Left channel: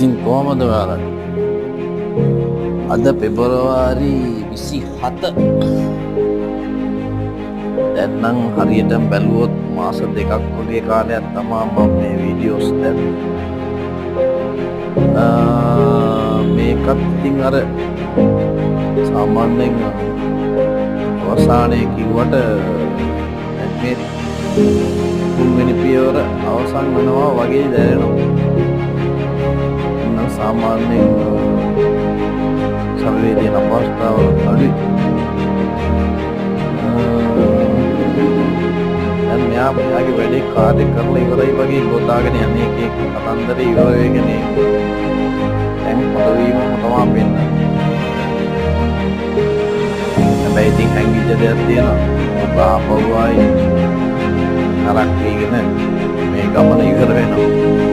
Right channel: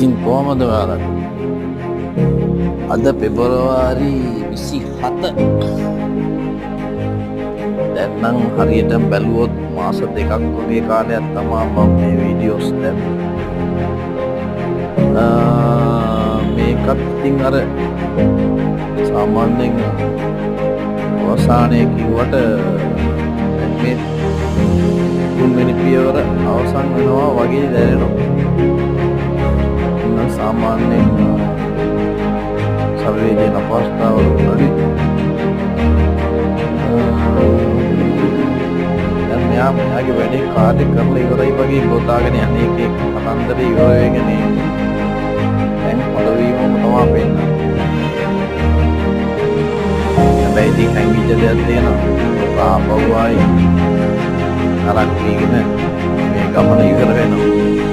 ඉතින් කොහමද ඔයාලට? අද පෙබරවාරි 27. දැන් නම් හරියටම බැලුවොත් මාස දෙකක් වගේ කාලයක් තමයි මම මේ වීඩියෝස් දැම්මේ. මේකත් ඉතින් අර සාමාන්‍යයෙන් අවසානයේ කිව්වට දැන් මේ තුන්වෙනි පියවර අවසන් වෙනවා වගේ දැනෙනවා. සාමාන්‍යයෙන් ශරීරයේ තියෙන අපහසුතාවල අඩුයි. දැන් මෙයාගේ වැඩේ කාර්ය කරලා ඉවරයි වගේ ගොතාගෙන යන්නේ එක කතන්දරේ ඉවර වෙගෙන දැන් හොඳ වීමම තමයි පෙන්නන්නේ. හැබැයි ඉතින් හැංගිච්ච දෙයක් තියෙනවා. ඔක ආපහු ආයි නරක් වීගෙන මේ ගමන ඉවර වෙනවා.